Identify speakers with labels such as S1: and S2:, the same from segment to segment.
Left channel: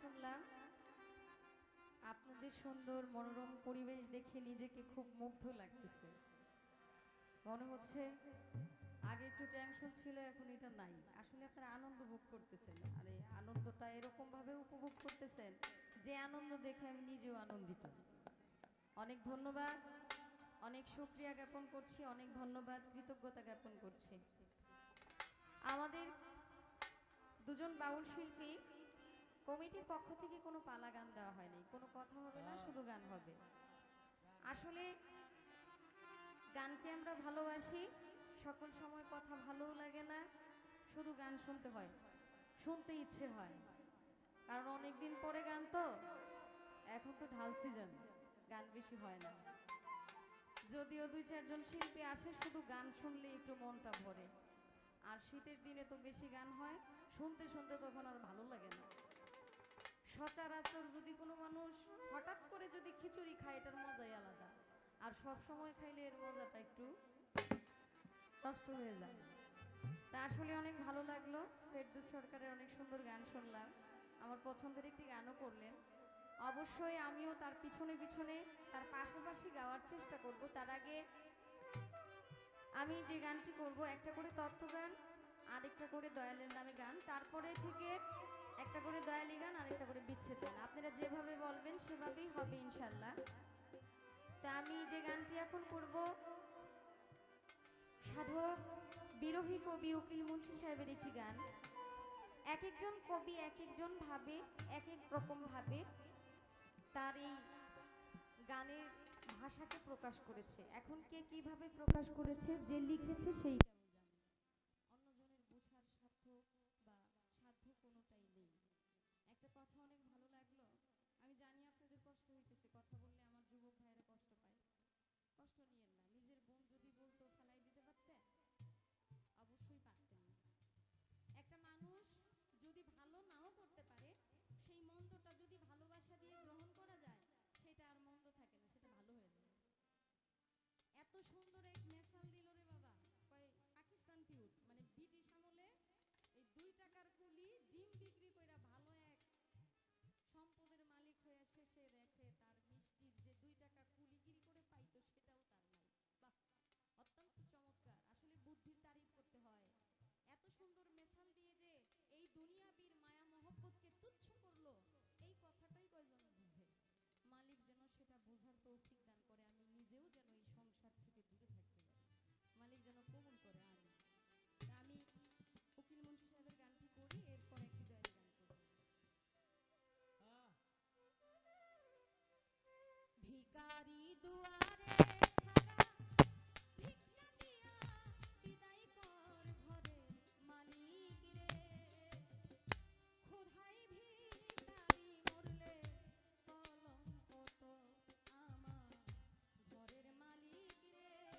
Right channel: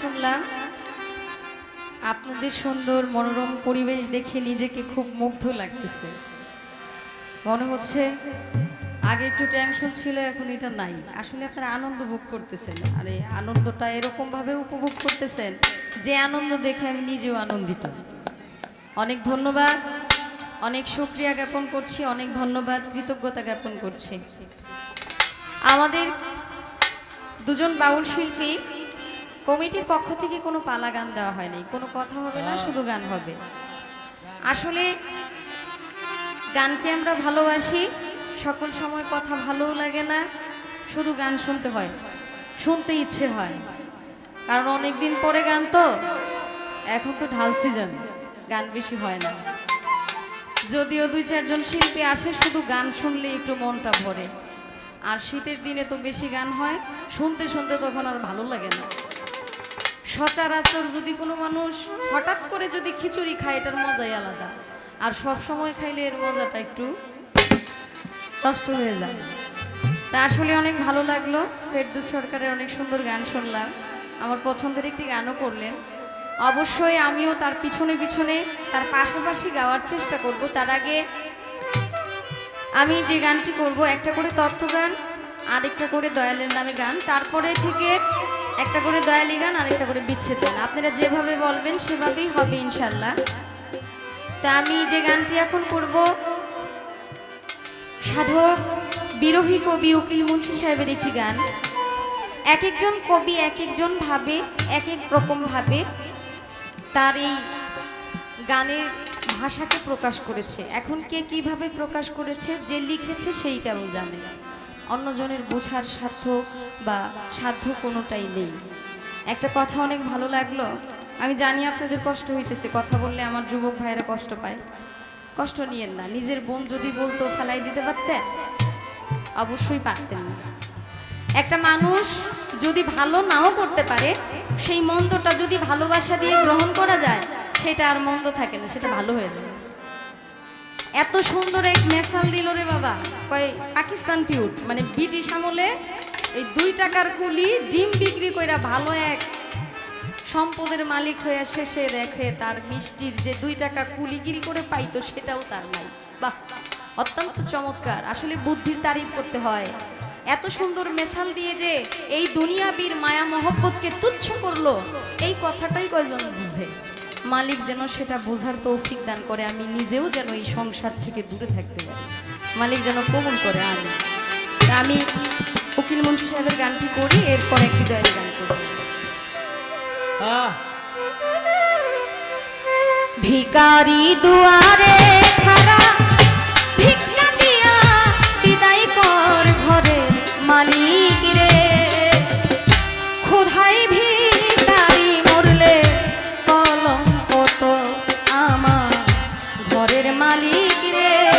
S1: শুনলাম। আপনাদের সুন্দর মনোরম পরিবেশ দেখে নিজেকে খুব মুগ্ধ লাগতেছে। মনে হচ্ছে আগে একটু টেনশন ছিল, এখন এটা নাই। আসলে আপনারা আনন্দ ভোগ করতেছেন। আর এই আনন্দটা এরকম ভাবে উপভোগ করতেছেন যে আনন্দ দেখে আমি নিজেও আনন্দিত। অনেক ধন্যবাদ। অনেক শুক্রিয়া জ্ঞাপন করছি, অনেক ধন্যবাদ, কৃতজ্ঞতা জ্ঞাপন করছি। আমাদের দুজন বাউল শিল্পী কমিটির পক্ষ থেকে কোনো পালা গান দেওয়া হয়নি। কোনো কথা হবে না, শুধু গান হবে। আসলে গানকে আমরা ভালোবাসি, সকল সময় কথা ভালোও লাগে না, শুধু গান শুনতে হয়, শুনতে ইচ্ছে হয়। কারণ অনেক দিন পরে গান তো, এখন তো ঢাল সিজন, গান বেশি হয় না। যদিও দুই চারজন শিল্পী আসে, শুধু গান শুনলে একটু মনটা ভরে। আর শীতের দিনে তো বেশি গান হয়, শুনতে শুনতে তখন আর ভালো লাগে না। সচরাচর যদি কোনো মানুষ হঠাৎ করে যদি খিচুড়ি খায়, এটার মজাই আলাদা। আর সব সময় খাইলে এর মজাটা একটু কষ্ট হয়ে যায়। তা আসলে অনেক ভালো লাগল। ফেরদুস সরকারের অনেক সুন্দর গান শুনলাম। আমার পছন্দের একটি গানও করলেন। অবশ্যই আমিও তার পিছনে পিছনে, তার পাশাপাশি গাওয়ার চেষ্টা করব। তার আগে আমি যে গানটি করব, একটা করে তথ্য গান, আরেকটা করে দয়ালের নামে গান। তারপরে থেকে একটা করে দয়ালি গান, আরেকটা করে বিচ্ছেদ গান। আপনারা যেভাবে বলবেন সেভাবেই হবে ইনশাল্লাহ। তা আমি যে গানটি এখন করব, সাধক, বিরোহী কবি উকিল মুন্সি সাহেবের একটি গান। এক একজন কবি এক একজন ভাবে, এক এক রকম ভাবে তার এই গানের ভাষাকে প্রকাশ করেছে। এখন কে কীভাবে প্রকাশ করেছে, যে লিখেছে সেই কেবল জানে। অন্যজনের বোঝার স্বার্থ বা সাধ্য কোনোটাই নেই। একটা কথা অনেক ভালো লাগল। আমি জানি আপনাদের কষ্ট হইতেছে, কথা বললে আমার যুবক ভাইয়েরা কষ্ট পায়। কষ্ট নিয়েন না, নিজের বোন যদি বলতো ফেলাই দিতে পারতেন? অবশ্যই পারতেন না। একটা মানুষ যদি ভালো নাও করতে পারে, সেই মন্দটা যদি ভালোবাসা দিয়ে গ্রহণ করা যায়, সেটা আর মন্দ থাকে না, সেটা ভালো হয়ে যায়। এত সুন্দর এক মেসাল দিল রে বাবা। কয়, পাকিস্তান পিউট মানে ব্রিটিশ আমলে এই দুই টাকার কুলি ডিম বিক্রি কইরা ভালো এক সম্পদের মালিক হয়ে শেষে দেখে তার মিষ্টির যে দুই টাকা কুলিগিরি করে পাইতো সেটাও তার নাই। বাহ, অত্যন্ত চমৎকার। আসলে বুদ্ধির তারিফ করতে হয়। এত সুন্দর মেসাল দিয়ে যে এই দুনিয়াবীর মায়া মহব্বতকে তুচ্ছ করল, এই কথাটাই কয়জন বুঝে? মালিক যেন সেটা বোঝার তৌফিক দান করে আমি নিজেও যেন এই সংসার থেকে দূরে থাকতে পারি। মালিক যেন কবুল করে আমি আমি উকিল মন্ত্রী সাহেবের গানটি করি এরপর একটি দয়ের গান করি। ভিকারি দুয়ারে মালিক রে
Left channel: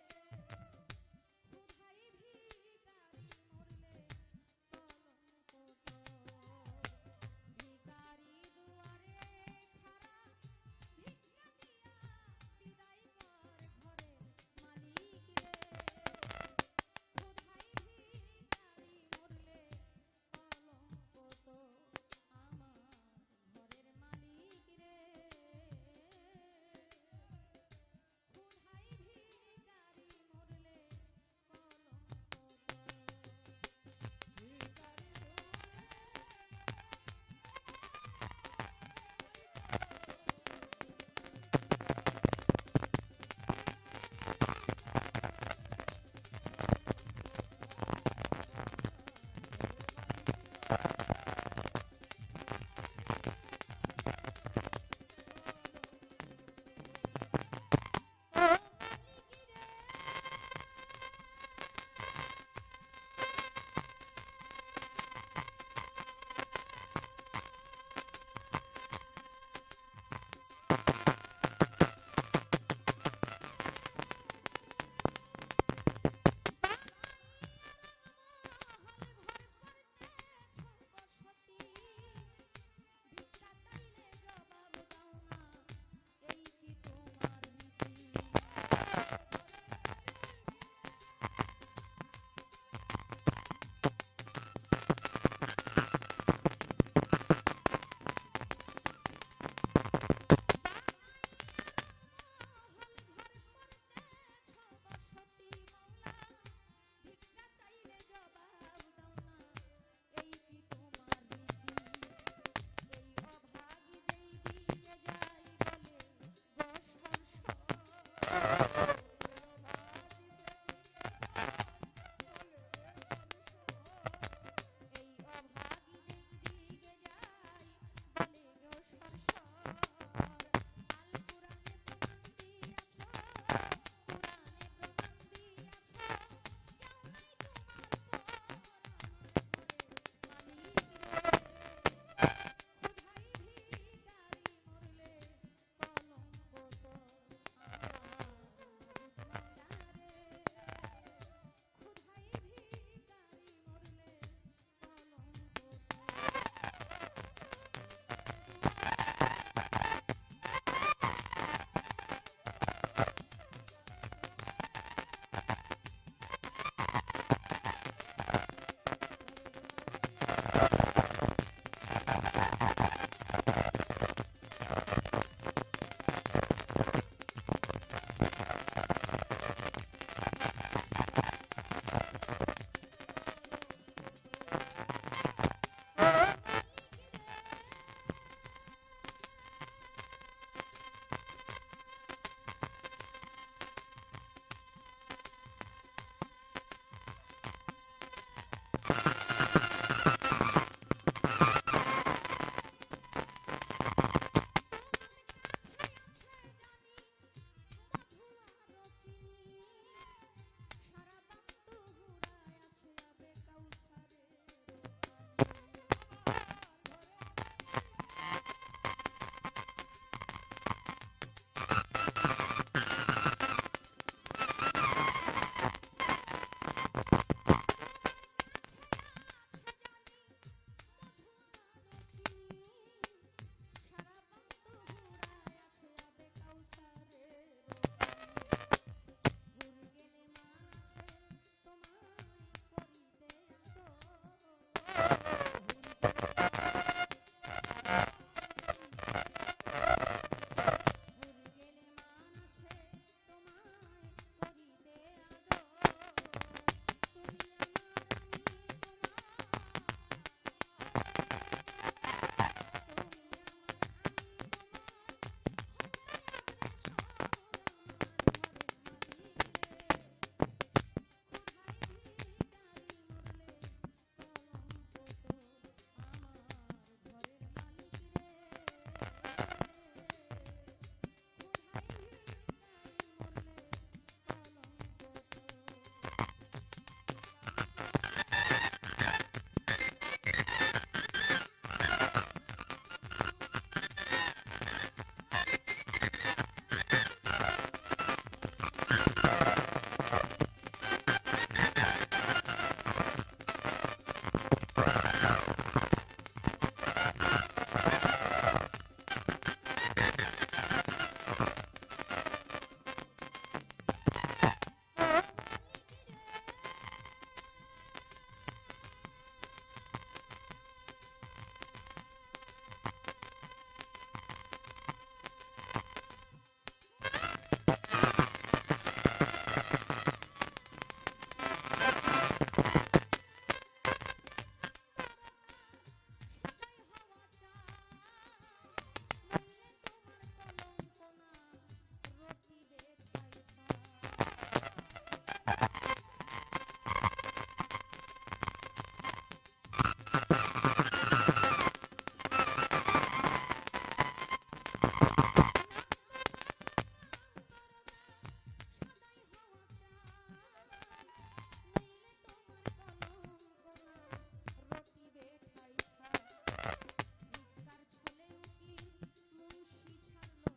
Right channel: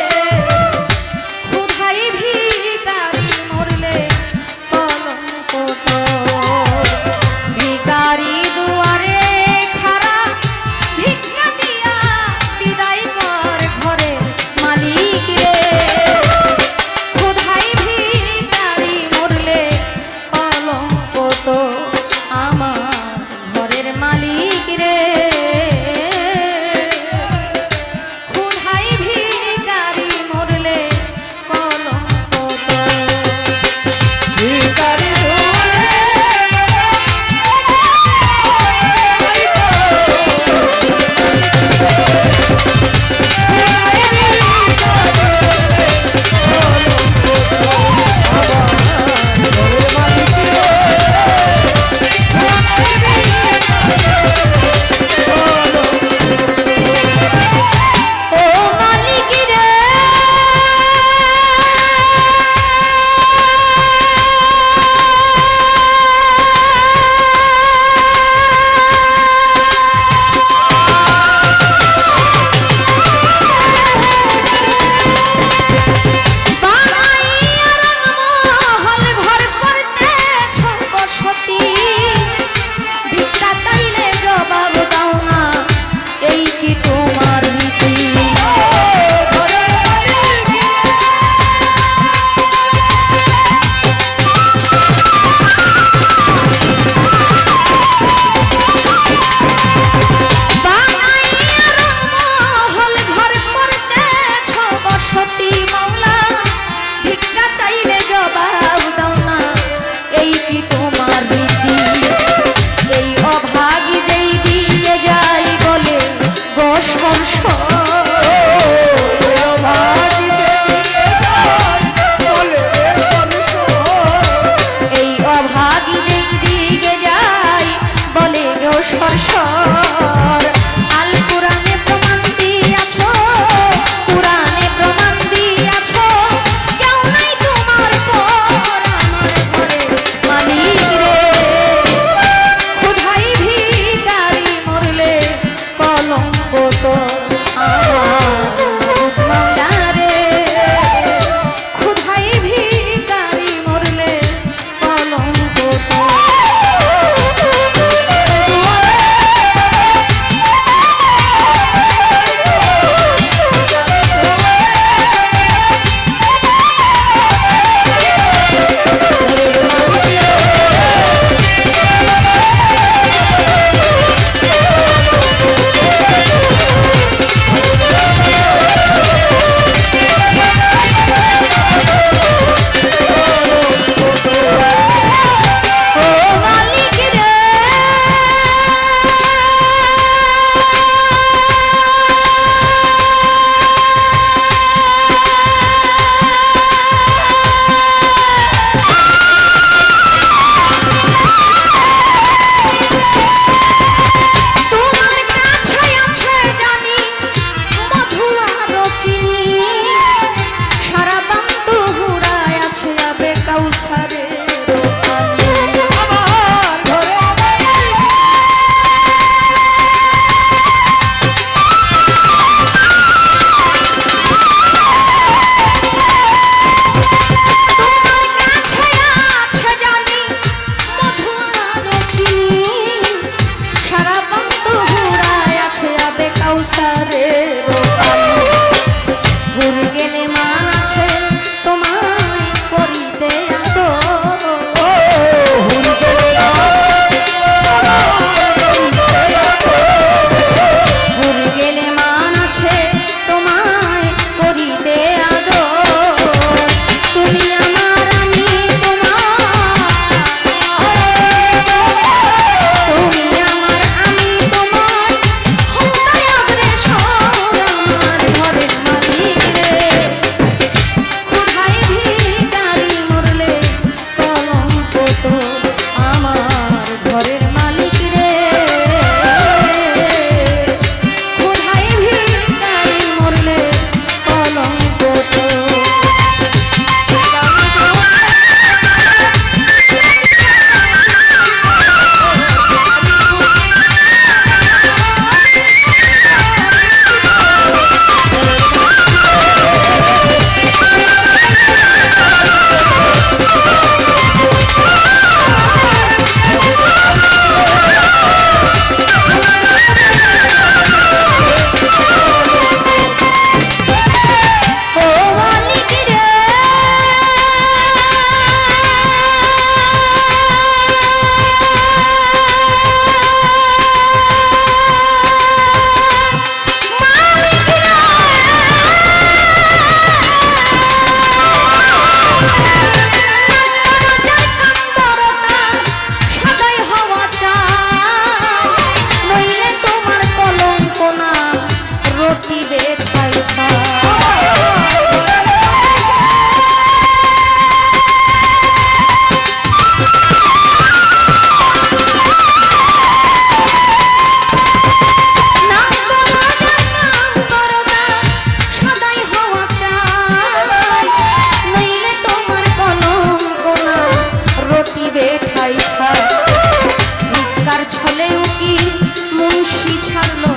S1: মুন্সি ছাড়লো